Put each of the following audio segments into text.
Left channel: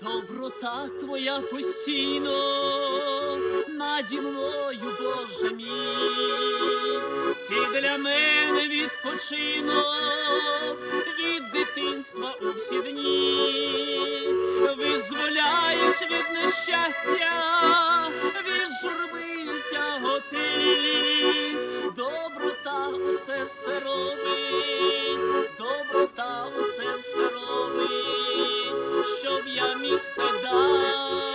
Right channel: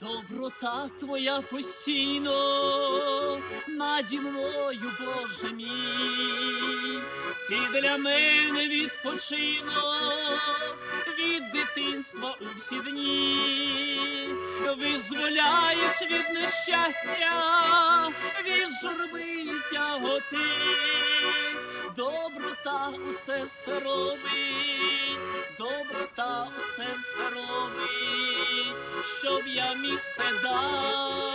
Доброта твоя постійно наді мною, Боже мій, для мене відпочинок. Від дитинства у всі дні, визволяєш від нещастя, від журби тяготи, доброта у це все робить, доброта у це все робить щоб я міг все далі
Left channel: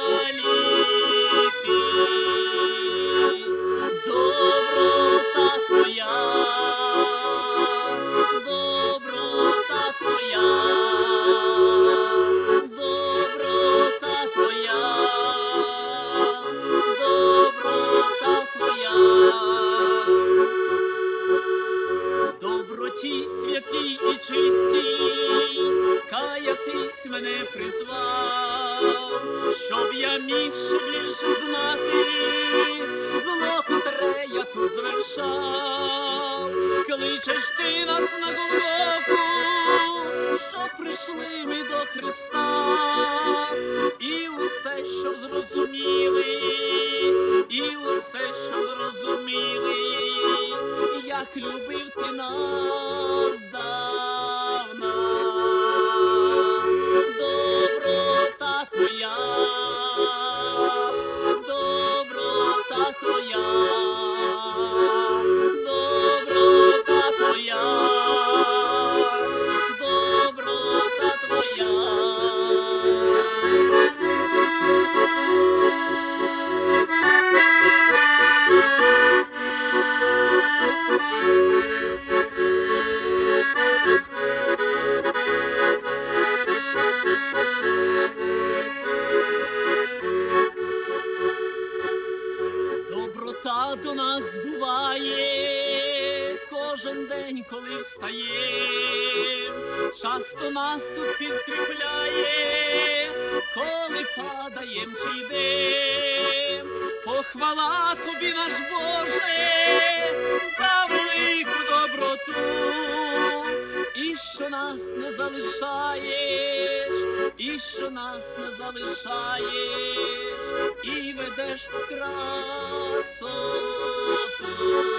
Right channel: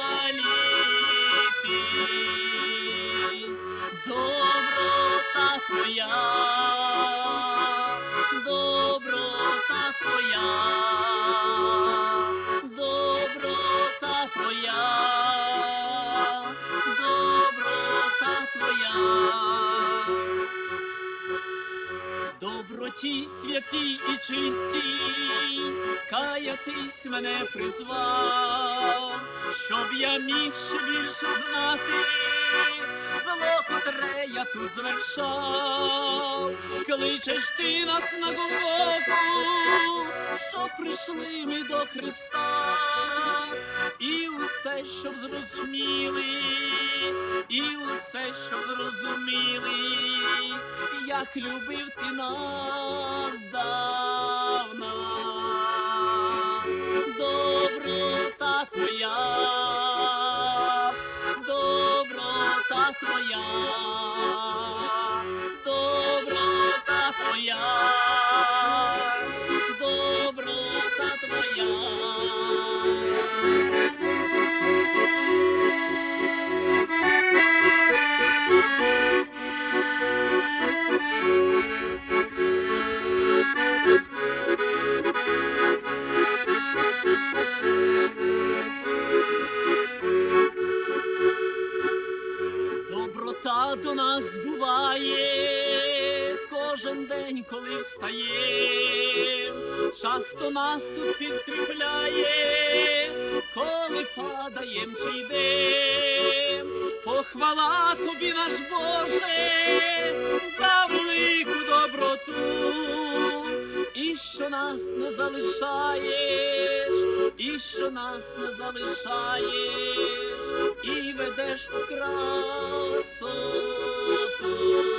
Доброті святій і чистій, каятись мене призвав, щоб я міг ще більше знати, зло, котре я тут звершав, кличеш ти нас на Голгофу, щоб прийшли ми до Христа, і усе, щоб зрозуміли, і усе, щоб зрозуміли, як любив ти нас твоя, доброта твоя, до нас буває кожен день, коли встає, часто нас тут підкріпляє, коли падаєм чи йдем. Похвала тобі, наш Боже, за велику доброту, і що нас не залишаєш, і що нас не залишаєш, і ведеш у красоту. Доброта